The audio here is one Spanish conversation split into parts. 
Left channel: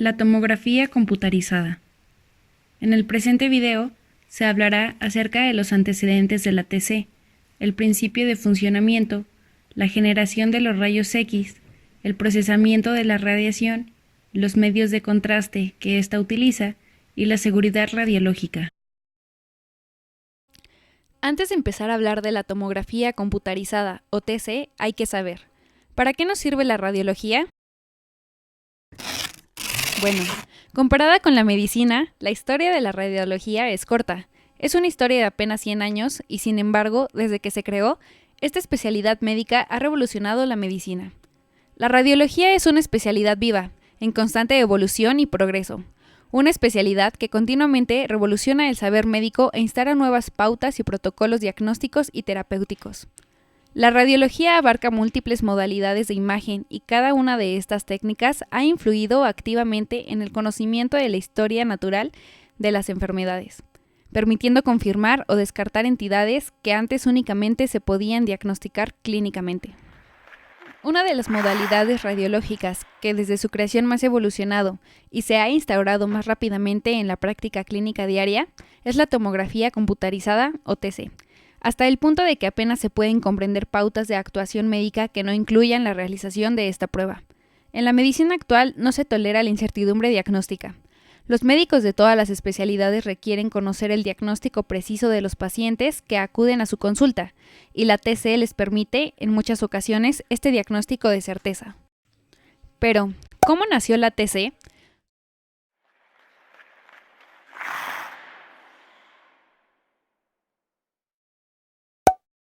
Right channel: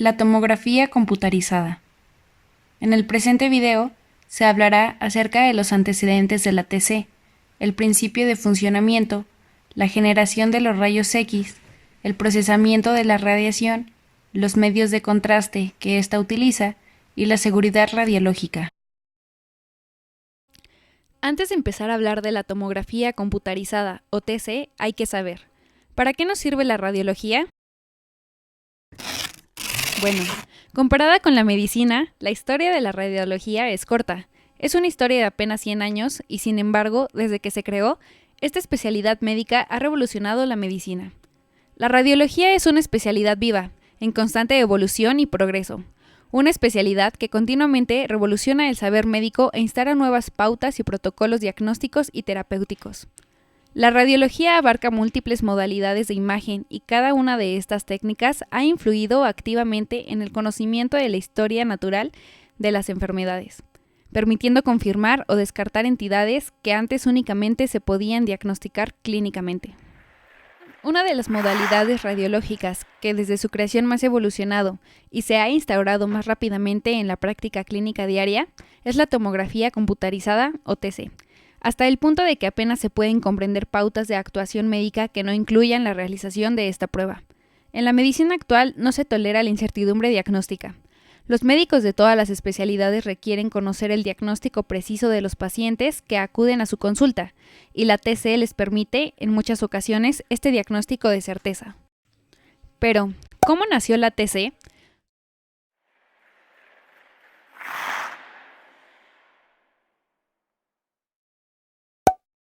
La tomografía computarizada. En el presente video se hablará acerca de los antecedentes de la TC, el principio de funcionamiento, la generación de los rayos X, el procesamiento de la radiación, los medios de contraste que ésta utiliza y la seguridad radiológica. Antes de empezar a hablar de la tomografía computarizada o TC, hay que saber, ¿para qué nos sirve la radiología? Bueno, comparada con la medicina, la historia de la radiología es corta. Es una historia de apenas 100 años y, sin embargo, desde que se creó, esta especialidad médica ha revolucionado la medicina. La radiología es una especialidad viva, en constante evolución y progreso. Una especialidad que continuamente revoluciona el saber médico e instala nuevas pautas y protocolos diagnósticos y terapéuticos. La radiología abarca múltiples modalidades de imagen y cada una de estas técnicas ha influido activamente en el conocimiento de la historia natural de las enfermedades, permitiendo confirmar o descartar entidades que antes únicamente se podían diagnosticar clínicamente. Una de las modalidades radiológicas que desde su creación más evolucionado y se ha instaurado más rápidamente en la práctica clínica diaria es la tomografía computarizada o TC, hasta el punto de que apenas se pueden comprender pautas de actuación médica que no incluyan la realización de esta prueba. En la medicina actual no se tolera la incertidumbre diagnóstica. Los médicos de todas las especialidades requieren conocer el diagnóstico preciso de los pacientes que acuden a su consulta, y la TC les permite, en muchas ocasiones, este diagnóstico de certeza. Pero, ¿cómo nació la TC?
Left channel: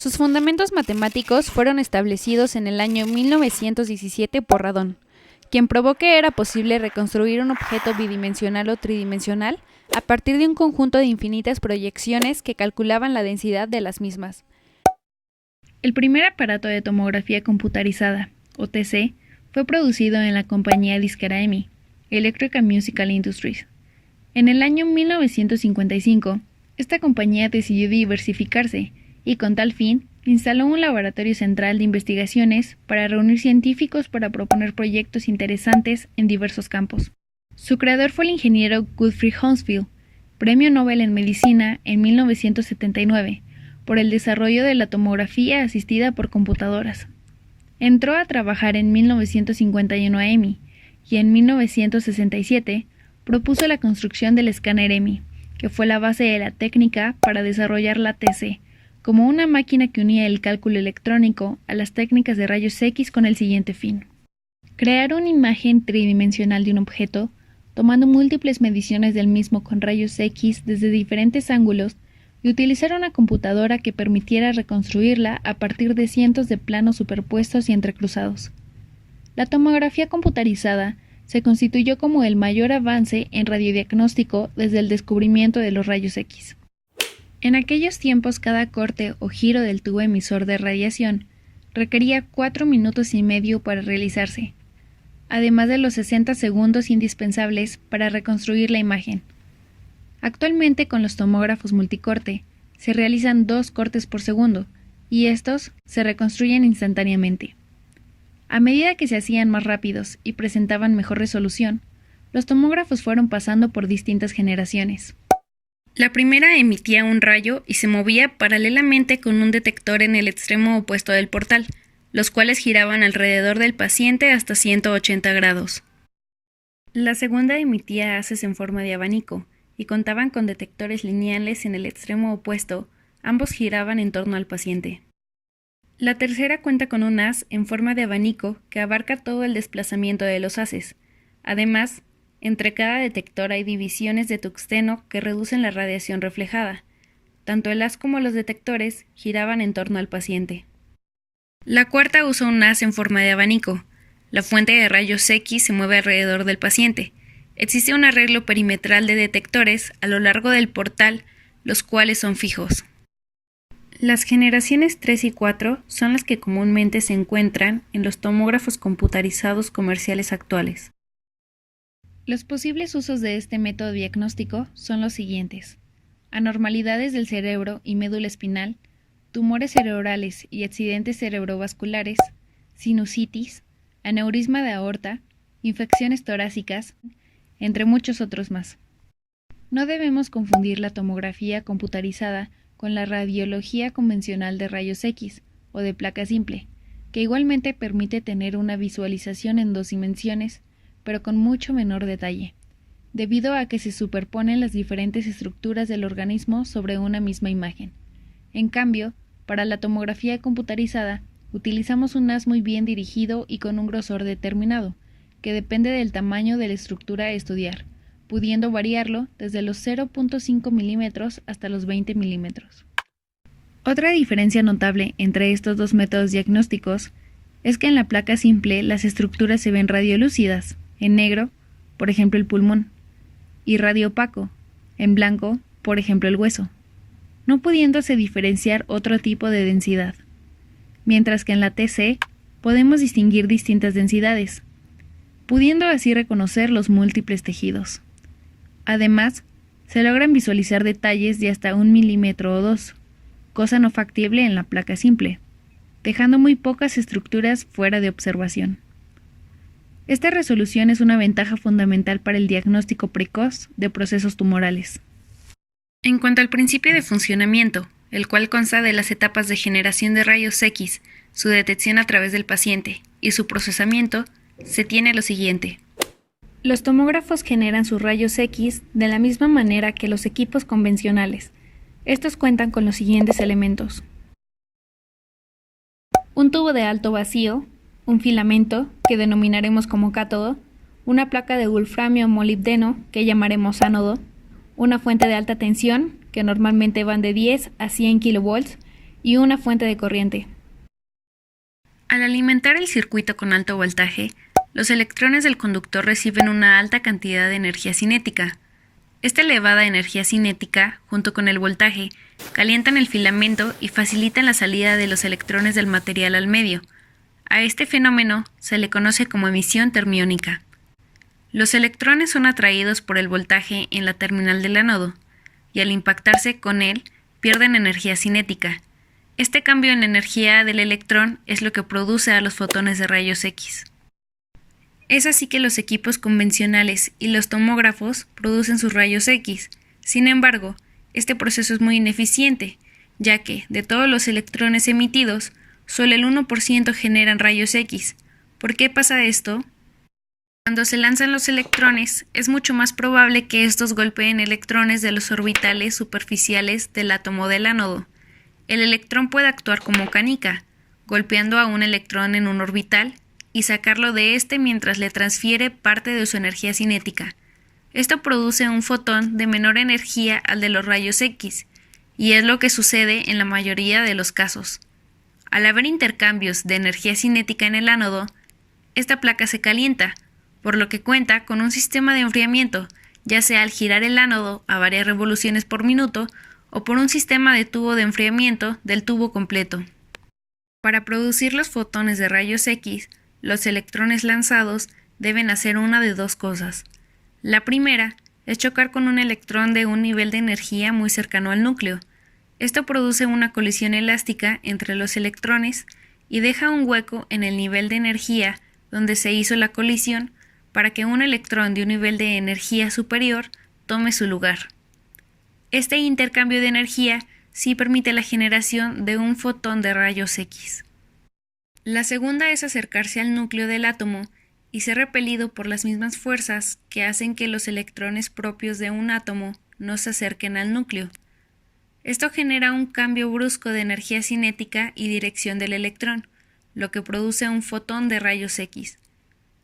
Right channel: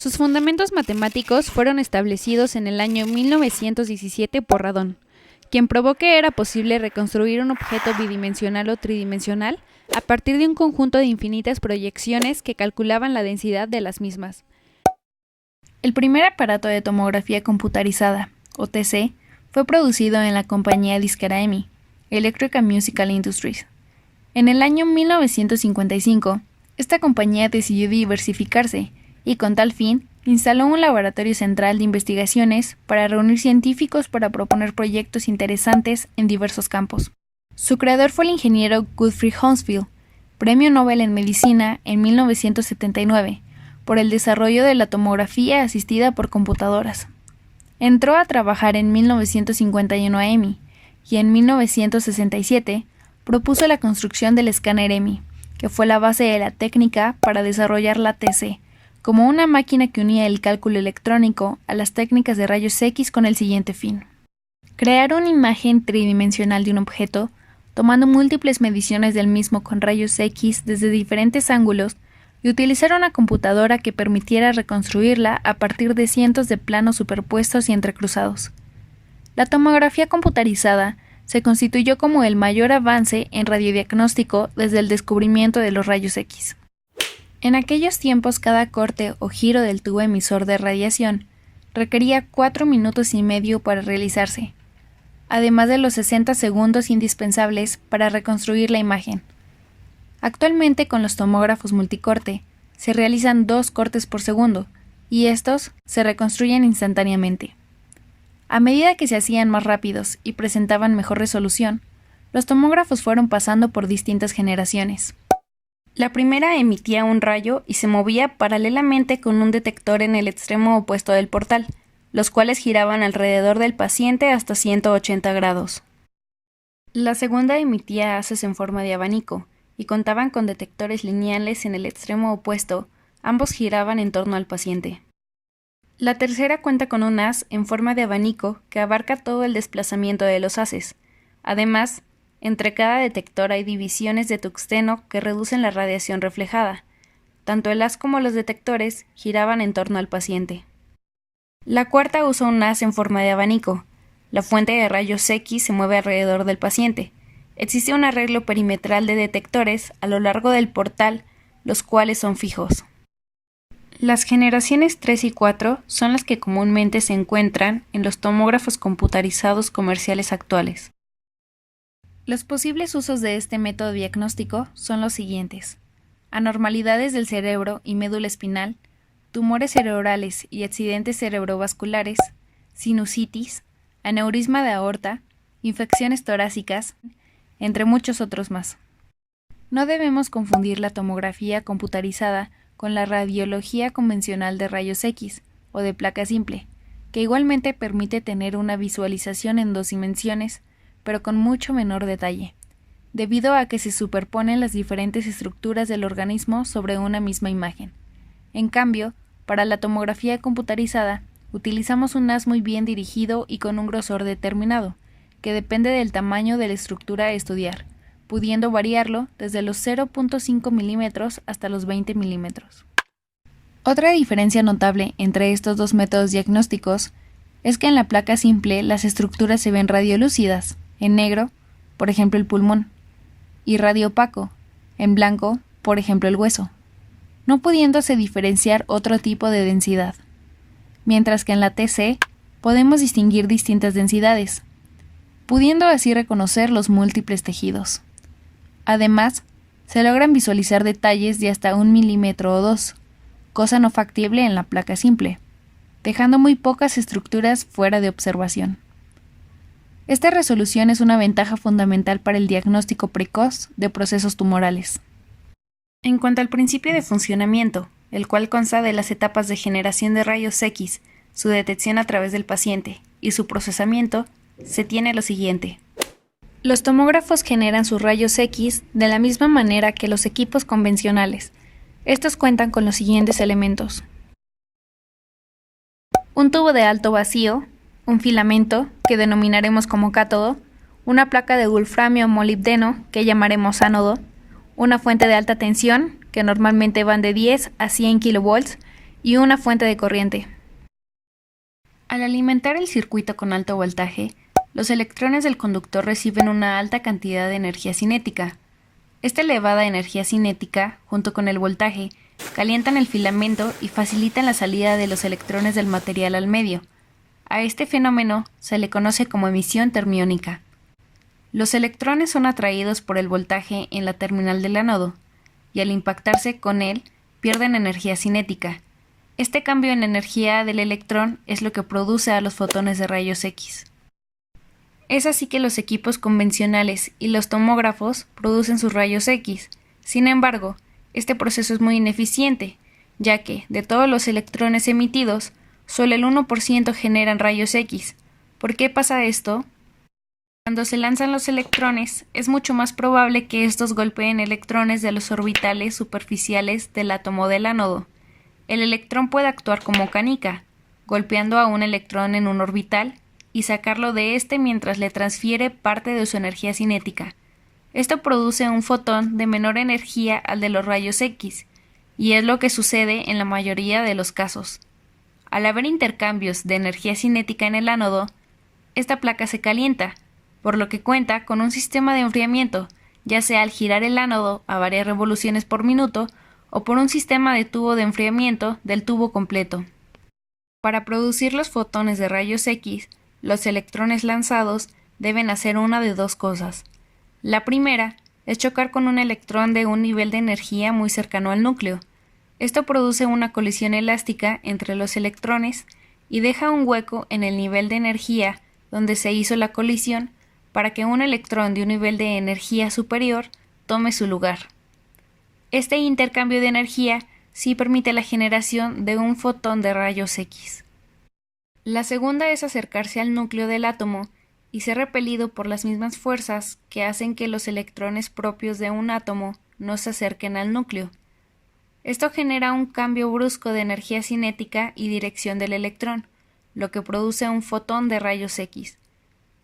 Sus fundamentos matemáticos fueron establecidos en el año 1917 por Radon, quien probó que era posible reconstruir un objeto bidimensional o tridimensional a partir de un conjunto de infinitas proyecciones que calculaban la densidad de las mismas. El primer aparato de tomografía computarizada, o TC, fue producido en la compañía disquera EMI, Electric and Musical Industries. En el año 1955, esta compañía decidió diversificarse y con tal fin instaló un laboratorio central de investigaciones para reunir científicos para proponer proyectos interesantes en diversos campos. Su creador fue el ingeniero Gottfried Hounsfield, Premio Nobel en Medicina en 1979, por el desarrollo de la tomografía asistida por computadoras. Entró a trabajar en 1951 a EMI y en 1967 propuso la construcción del escáner EMI, que fue la base de la técnica para desarrollar la TC, como una máquina que unía el cálculo electrónico a las técnicas de rayos X con el siguiente fin: crear una imagen tridimensional de un objeto, tomando múltiples mediciones del mismo con rayos X desde diferentes ángulos y utilizar una computadora que permitiera reconstruirla a partir de cientos de planos superpuestos y entrecruzados. La tomografía computarizada se constituyó como el mayor avance en radiodiagnóstico desde el descubrimiento de los rayos X. En aquellos tiempos, cada corte o giro del tubo emisor de radiación requería 4 minutos y medio para realizarse, además de los 60 segundos indispensables para reconstruir la imagen. Actualmente, con los tomógrafos multicorte, se realizan 2 cortes por segundo, y estos se reconstruyen instantáneamente. A medida que se hacían más rápidos y presentaban mejor resolución, los tomógrafos fueron pasando por distintas generaciones. La primera emitía un rayo y se movía paralelamente con un detector en el extremo opuesto del portal, los cuales giraban alrededor del paciente hasta 180 grados. La segunda emitía haces en forma de abanico y contaban con detectores lineales en el extremo opuesto, ambos giraban en torno al paciente. La tercera cuenta con un haz en forma de abanico que abarca todo el desplazamiento de los haces. Además, entre cada detector hay divisiones de tungsteno que reducen la radiación reflejada. Tanto el haz como los detectores giraban en torno al paciente. La cuarta usa un haz en forma de abanico. La fuente de rayos X se mueve alrededor del paciente. Existe un arreglo perimetral de detectores a lo largo del portal, los cuales son fijos. Las generaciones 3 y 4 son las que comúnmente se encuentran en los tomógrafos computarizados comerciales actuales. Los posibles usos de este método diagnóstico son los siguientes: anormalidades del cerebro y médula espinal, tumores cerebrales y accidentes cerebrovasculares, sinusitis, aneurisma de aorta, infecciones torácicas, entre muchos otros más. No debemos confundir la tomografía computarizada con la radiología convencional de rayos X o de placa simple, que igualmente permite tener una visualización en 2 dimensiones, pero con mucho menor detalle, debido a que se superponen las diferentes estructuras del organismo sobre una misma imagen. En cambio, para la tomografía computarizada, utilizamos un haz muy bien dirigido y con un grosor determinado, que depende del tamaño de la estructura a estudiar, pudiendo variarlo desde los 0.5 milímetros hasta los 20 milímetros. Otra diferencia notable entre estos dos métodos diagnósticos es que en la placa simple las estructuras se ven radiolúcidas, en negro, por ejemplo el pulmón, y radiopaco, en blanco, por ejemplo el hueso, no pudiéndose diferenciar otro tipo de densidad, mientras que en la TC podemos distinguir distintas densidades, pudiendo así reconocer los múltiples tejidos. Además, se logran visualizar detalles de hasta 1 milímetro o 2, cosa no factible en la placa simple, dejando muy pocas estructuras fuera de observación. Esta resolución es una ventaja fundamental para el diagnóstico precoz de procesos tumorales. En cuanto al principio de funcionamiento, el cual consta de las etapas de generación de rayos X, su detección a través del paciente y su procesamiento, se tiene lo siguiente. Los tomógrafos generan sus rayos X de la misma manera que los equipos convencionales. Estos cuentan con los siguientes elementos: un tubo de alto vacío, un filamento, que denominaremos como cátodo, una placa de wolframio molibdeno, que llamaremos ánodo, una fuente de alta tensión, que normalmente van de 10 a 100 kV, y una fuente de corriente. Al alimentar el circuito con alto voltaje, los electrones del conductor reciben una alta cantidad de energía cinética. Esta elevada energía cinética, junto con el voltaje, calientan el filamento y facilitan la salida de los electrones del material al medio. A este fenómeno se le conoce como emisión termiónica. Los electrones son atraídos por el voltaje en la terminal del ánodo, y al impactarse con él, pierden energía cinética. Este cambio en energía del electrón es lo que produce a los fotones de rayos X. Es así que los equipos convencionales y los tomógrafos producen sus rayos X. Sin embargo, este proceso es muy ineficiente, ya que, de todos los electrones emitidos, solo el 1% generan rayos X. ¿Por qué pasa esto? Cuando se lanzan los electrones, es mucho más probable que estos golpeen electrones de los orbitales superficiales del átomo del ánodo. El electrón puede actuar como canica, golpeando a un electrón en un orbital y sacarlo de este mientras le transfiere parte de su energía cinética. Esto produce un fotón de menor energía al de los rayos X, y es lo que sucede en la mayoría de los casos. Al haber intercambios de energía cinética en el ánodo, esta placa se calienta, por lo que cuenta con un sistema de enfriamiento, ya sea al girar el ánodo a varias revoluciones por minuto o por un sistema de tubo de enfriamiento del tubo completo. Para producir los fotones de rayos X, los electrones lanzados deben hacer una de dos cosas. La primera es chocar con un electrón de un nivel de energía muy cercano al núcleo. Esto produce una colisión elástica entre los electrones y deja un hueco en el nivel de energía donde se hizo la colisión para que un electrón de un nivel de energía superior tome su lugar. Este intercambio de energía sí permite la generación de un fotón de rayos X. La segunda es acercarse al núcleo del átomo y ser repelido por las mismas fuerzas que hacen que los electrones propios de un átomo no se acerquen al núcleo. Esto genera un cambio brusco de energía cinética y dirección del electrón, lo que produce un fotón de rayos X.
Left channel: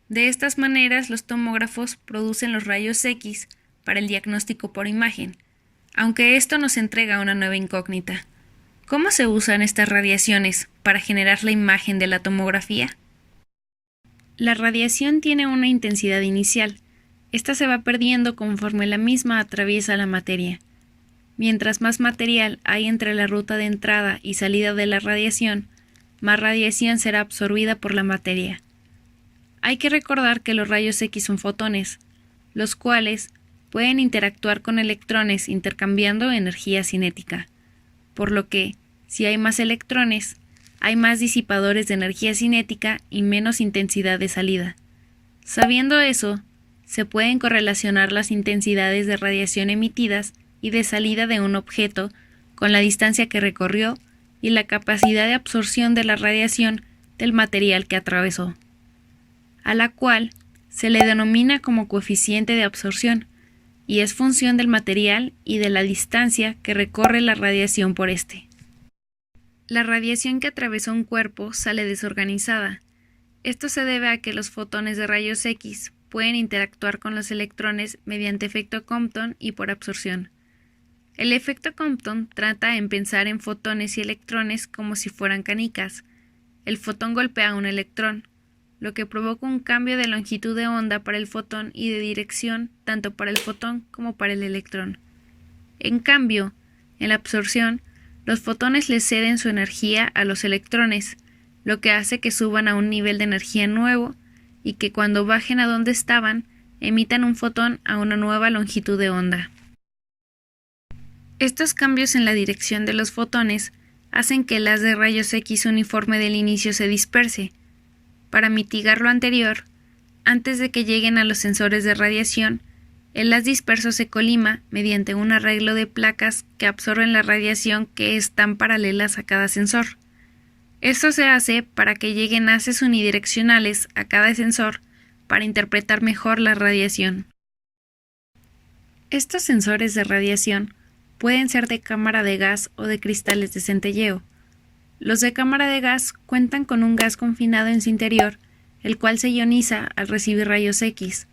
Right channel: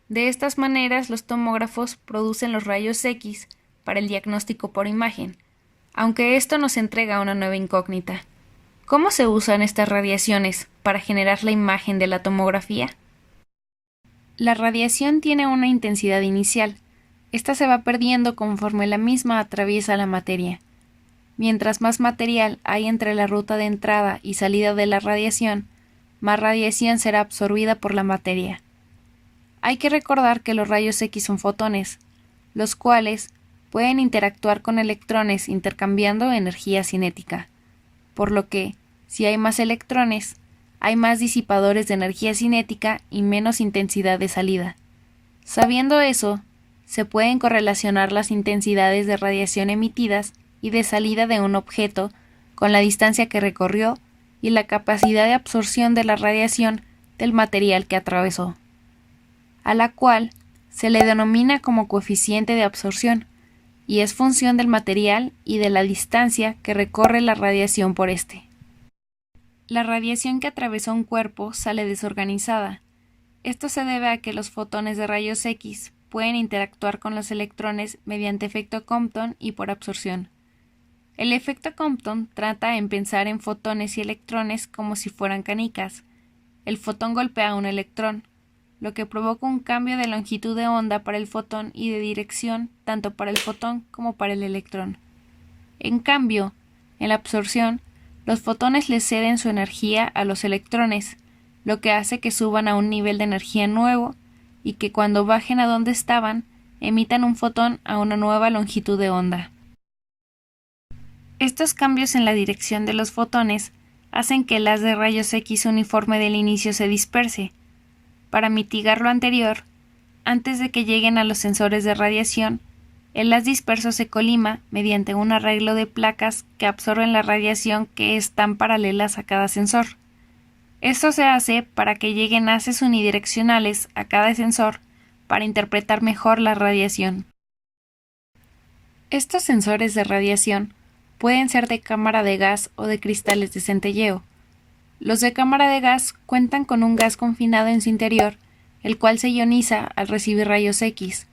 De estas maneras, los tomógrafos producen los rayos X para el diagnóstico por imagen, aunque esto nos entrega una nueva incógnita. ¿Cómo se usan estas radiaciones para generar la imagen de la tomografía? La radiación tiene una intensidad inicial. Esta se va perdiendo conforme la misma atraviesa la materia. Mientras más material hay entre la ruta de entrada y salida de la radiación, más radiación será absorbida por la materia. Hay que recordar que los rayos X son fotones, los cuales pueden interactuar con electrones intercambiando energía cinética, por lo que, si hay más electrones, hay más disipadores de energía cinética y menos intensidad de salida. Sabiendo eso, se pueden correlacionar las intensidades de radiación emitidas y de salida de un objeto con la distancia que recorrió y la capacidad de absorción de la radiación del material que atravesó, a la cual se le denomina como coeficiente de absorción, y es función del material y de la distancia que recorre la radiación por este. La radiación que atravesó un cuerpo sale desorganizada. Esto se debe a que los fotones de rayos X pueden interactuar con los electrones mediante efecto Compton y por absorción. El efecto Compton trata en pensar en fotones y electrones como si fueran canicas. El fotón golpea a un electrón, lo que provoca un cambio de longitud de onda para el fotón y de dirección tanto para el fotón como para el electrón. En cambio, en la absorción, los fotones le ceden su energía a los electrones, lo que hace que suban a un nivel de energía nuevo y que cuando bajen a donde estaban, emitan un fotón a una nueva longitud de onda. Estos cambios en la dirección de los fotones hacen que el haz de rayos X uniforme del inicio se disperse. Para mitigar lo anterior, antes de que lleguen a los sensores de radiación, el haz disperso se colima mediante un arreglo de placas que absorben la radiación que están paralelas a cada sensor. Esto se hace para que lleguen haces unidireccionales a cada sensor para interpretar mejor la radiación. Estos sensores de radiación pueden ser de cámara de gas o de cristales de centelleo. Los de cámara de gas cuentan con un gas confinado en su interior, el cual se ioniza al recibir rayos X.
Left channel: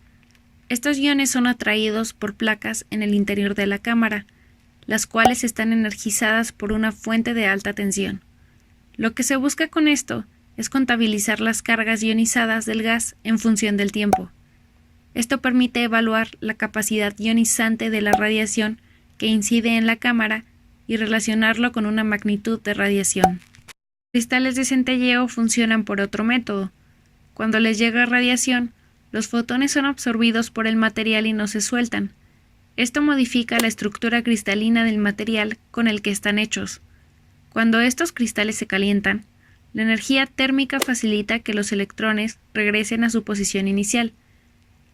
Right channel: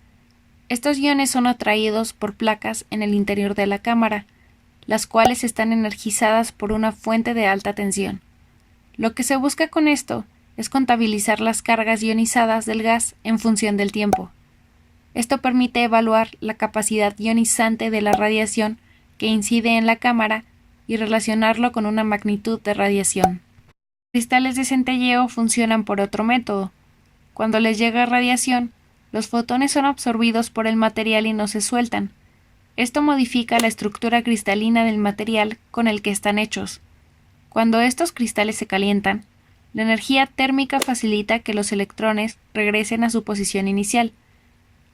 Estos iones son atraídos por placas en el interior de la cámara, las cuales están energizadas por una fuente de alta tensión. Lo que se busca con esto es contabilizar las cargas ionizadas del gas en función del tiempo. Esto permite evaluar la capacidad ionizante de la radiación que incide en la cámara y relacionarlo con una magnitud de radiación. Los cristales de centelleo funcionan por otro método. Cuando les llega radiación, los fotones son absorbidos por el material y no se sueltan. Esto modifica la estructura cristalina del material con el que están hechos. Cuando estos cristales se calientan, la energía térmica facilita que los electrones regresen a su posición inicial,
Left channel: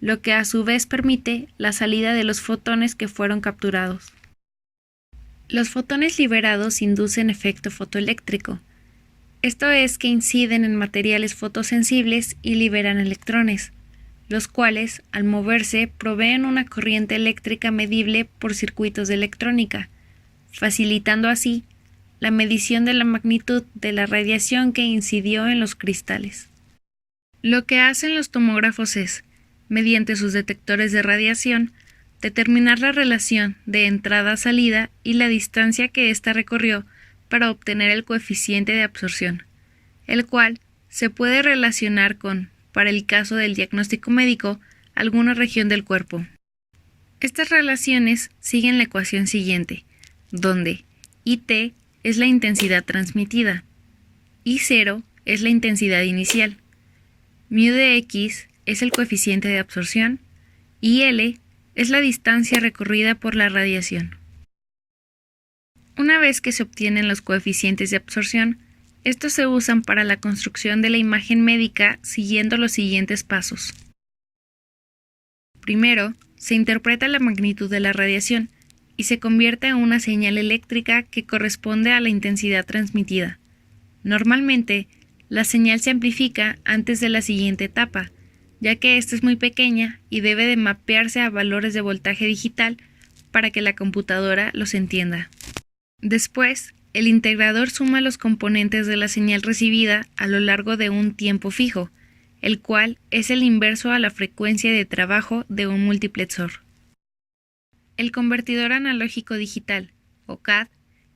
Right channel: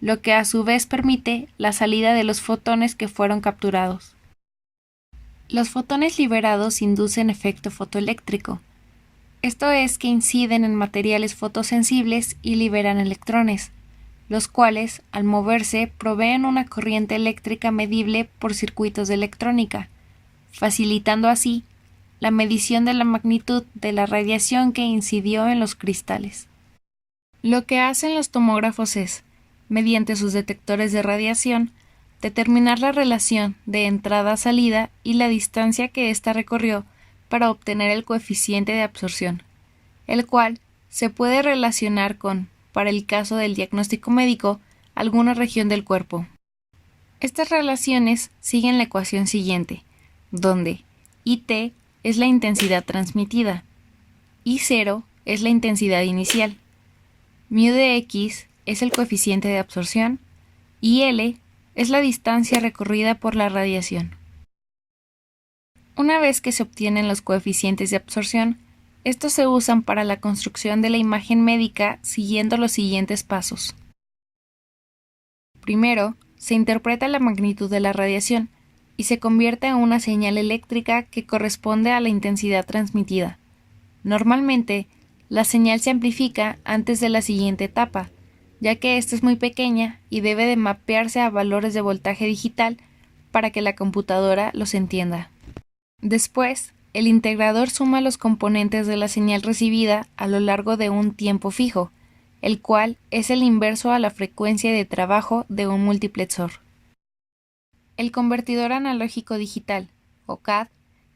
lo que a su vez permite la salida de los fotones que fueron capturados. Los fotones liberados inducen efecto fotoeléctrico. Esto es que inciden en materiales fotosensibles y liberan electrones, los cuales, al moverse, proveen una corriente eléctrica medible por circuitos de electrónica, facilitando así la medición de la magnitud de la radiación que incidió en los cristales. Lo que hacen los tomógrafos es, mediante sus detectores de radiación, determinar la relación de entrada-salida y la distancia que ésta recorrió para obtener el coeficiente de absorción, el cual se puede relacionar con, para el caso del diagnóstico médico, alguna región del cuerpo. Estas relaciones siguen la ecuación siguiente, donde IT es la intensidad transmitida, I0 es la intensidad inicial, μ de X es el coeficiente de absorción y L es la distancia recorrida por la radiación. Una vez que se obtienen los coeficientes de absorción, estos se usan para la construcción de la imagen médica siguiendo los siguientes pasos. Primero, se interpreta la magnitud de la radiación y se convierte en una señal eléctrica que corresponde a la intensidad transmitida. Normalmente, la señal se amplifica antes de la siguiente etapa, ya que esta es muy pequeña y debe de mapearse a valores de voltaje digital para que la computadora los entienda. Después, el integrador suma los componentes de la señal recibida a lo largo de un tiempo fijo, el cual es el inverso a la frecuencia de trabajo de un multiplexor. El convertidor analógico digital, o CAD,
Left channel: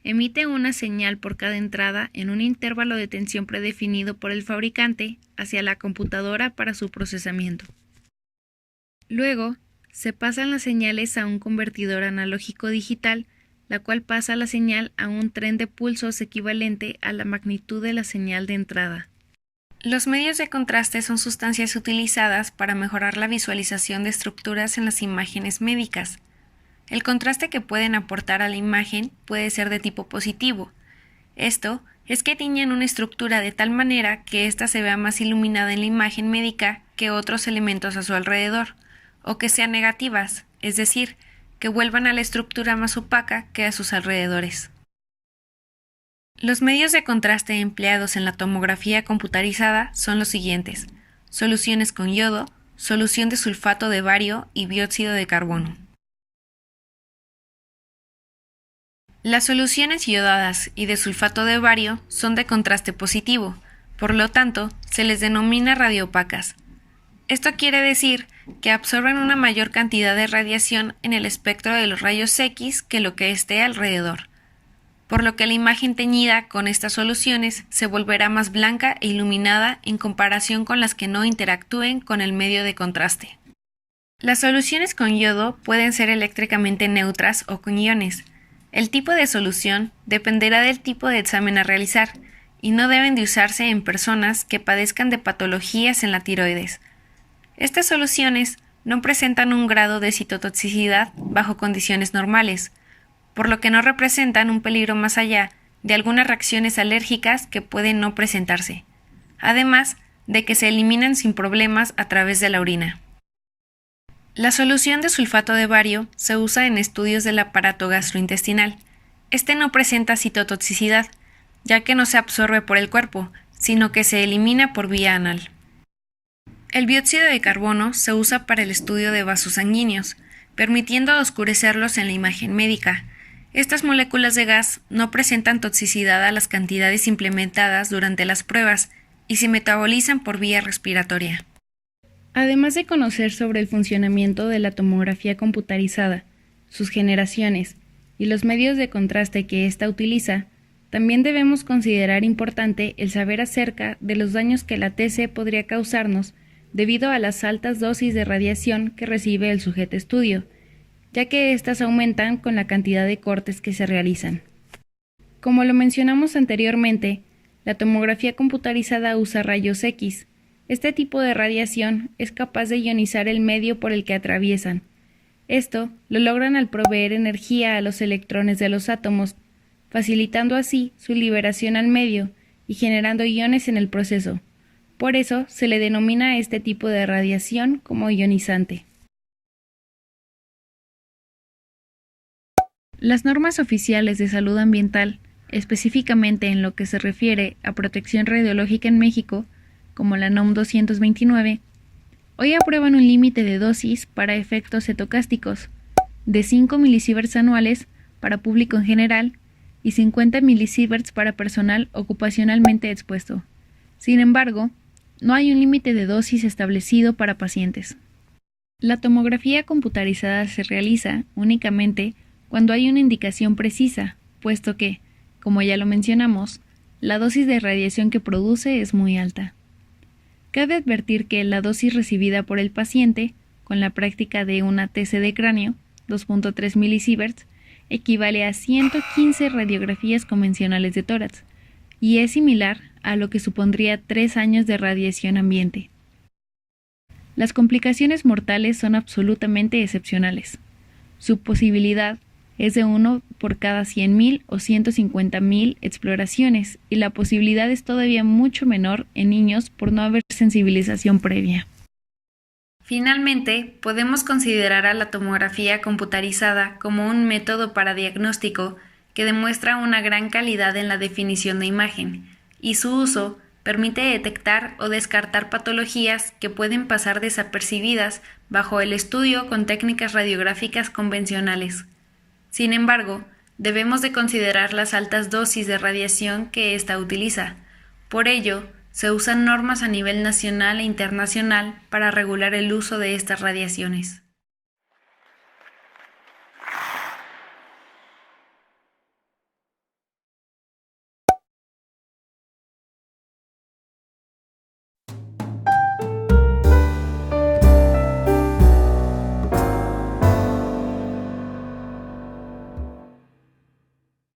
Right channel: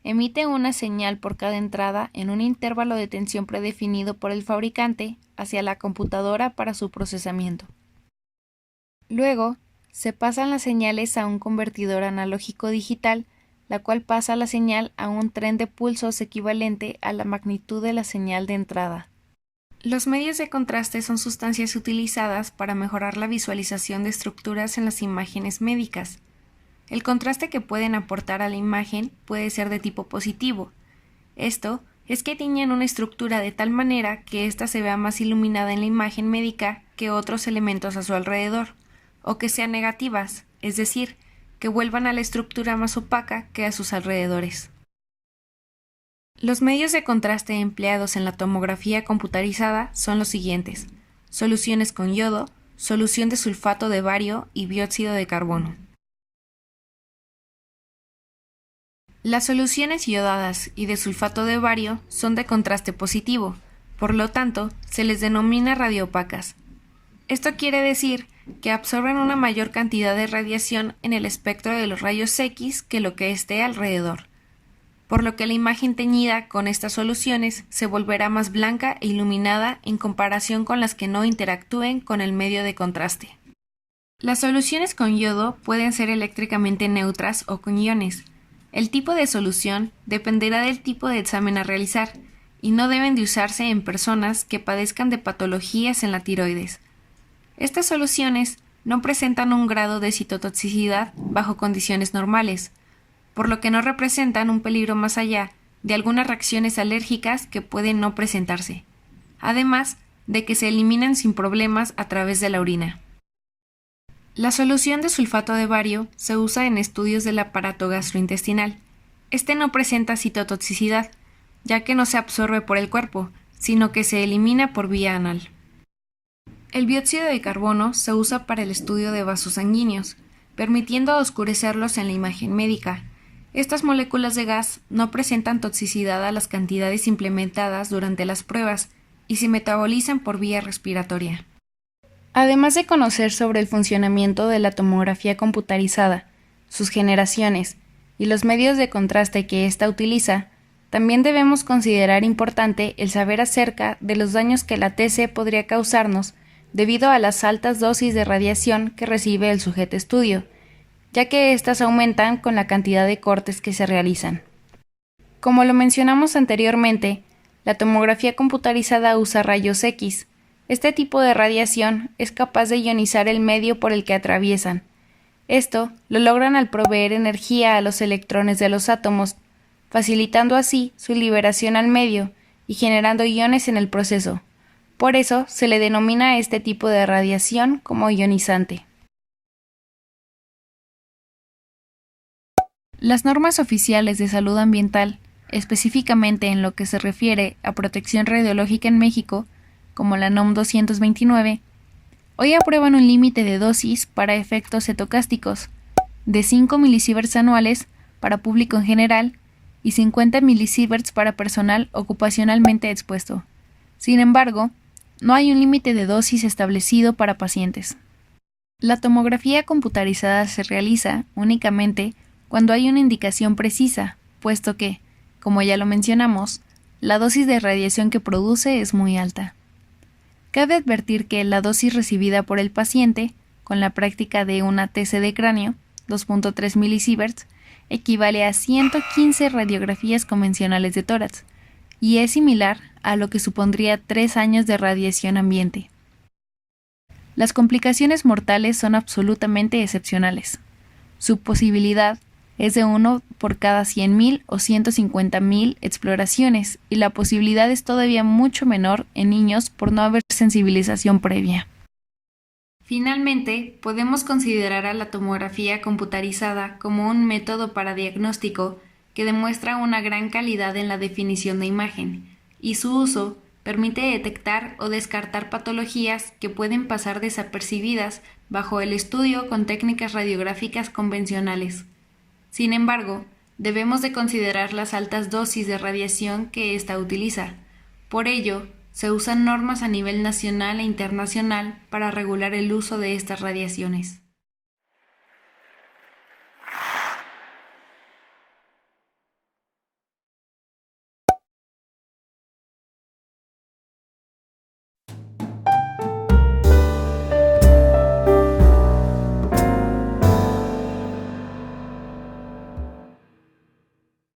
emite una señal por cada entrada en un intervalo de tensión predefinido por el fabricante hacia la computadora para su procesamiento. Luego, se pasan las señales a un convertidor analógico digital, la cual pasa la señal a un tren de pulsos equivalente a la magnitud de la señal de entrada. Los medios de contraste son sustancias utilizadas para mejorar la visualización de estructuras en las imágenes médicas. El contraste que pueden aportar a la imagen puede ser de tipo positivo. Esto es que tiñen una estructura de tal manera que ésta se vea más iluminada en la imagen médica que otros elementos a su alrededor, o que sean negativas, es decir, que vuelvan a la estructura más opaca que a sus alrededores. Los medios de contraste empleados en la tomografía computarizada son los siguientes: soluciones con yodo, solución de sulfato de bario y dióxido de carbono. Las soluciones iodadas y de sulfato de bario son de contraste positivo, por lo tanto, se les denomina radioopacas. Esto quiere decir que absorben una mayor cantidad de radiación en el espectro de los rayos X que lo que esté alrededor, por lo que la imagen teñida con estas soluciones se volverá más blanca e iluminada en comparación con las que no interactúen con el medio de contraste. Las soluciones con yodo pueden ser eléctricamente neutras o con iones. El tipo de solución dependerá del tipo de examen a realizar y no deben de usarse en personas que padezcan de patologías en la tiroides. Estas soluciones no presentan un grado de citotoxicidad bajo condiciones normales, por lo que no representan un peligro más allá de algunas reacciones alérgicas que pueden no presentarse, además de que se eliminan sin problemas a través de la orina. La solución de sulfato de bario se usa en estudios del aparato gastrointestinal. Este no presenta citotoxicidad, ya que no se absorbe por el cuerpo, sino que se elimina por vía anal. El dióxido de carbono se usa para el estudio de vasos sanguíneos, permitiendo oscurecerlos en la imagen médica. Estas moléculas de gas no presentan toxicidad a las cantidades implementadas durante las pruebas y se metabolizan por vía respiratoria. Además de conocer sobre el funcionamiento de la tomografía computarizada, sus generaciones y los medios de contraste que ésta utiliza, también debemos considerar importante el saber acerca de los daños que la TC podría causarnos debido a las altas dosis de radiación que recibe el sujeto estudio, ya que éstas aumentan con la cantidad de cortes que se realizan. Como lo mencionamos anteriormente, la tomografía computarizada usa rayos X. Este tipo de radiación es capaz de ionizar el medio por el que atraviesan. Esto lo logran al proveer energía a los electrones de los átomos, facilitando así su liberación al medio y generando iones en el proceso. Por eso se le denomina a este tipo de radiación como ionizante. Las normas oficiales de salud ambiental, específicamente en lo que se refiere a protección radiológica en México, como la NOM 229, hoy aprueban un límite de dosis para efectos cetocásticos de 5 milisieverts anuales para público en general y 50 milisieverts para personal ocupacionalmente expuesto. Sin embargo, no hay un límite de dosis establecido para pacientes. La tomografía computarizada se realiza únicamente cuando hay una indicación precisa, puesto que, como ya lo mencionamos, la dosis de radiación que produce es muy alta. Cabe advertir que la dosis recibida por el paciente, con la práctica de una TC de cráneo, 2.3 milisieverts, equivale a 115 radiografías convencionales de tórax, y es similar a lo que supondría 3 años de radiación ambiente. Las complicaciones mortales son absolutamente excepcionales. Su posibilidad es de 1 por cada 100.000 o 150.000 exploraciones, y la posibilidad es todavía mucho menor en niños por no haber sensibilización previa. Finalmente, podemos considerar a la tomografía computarizada como un método para diagnóstico que demuestra una gran calidad en la definición de imagen, y su uso permite detectar o descartar patologías que pueden pasar desapercibidas bajo el estudio con técnicas radiográficas convencionales. Sin embargo, debemos de considerar las altas dosis de radiación que ésta utiliza. Por ello, se usan normas a nivel nacional e internacional para regular el uso de estas radiaciones.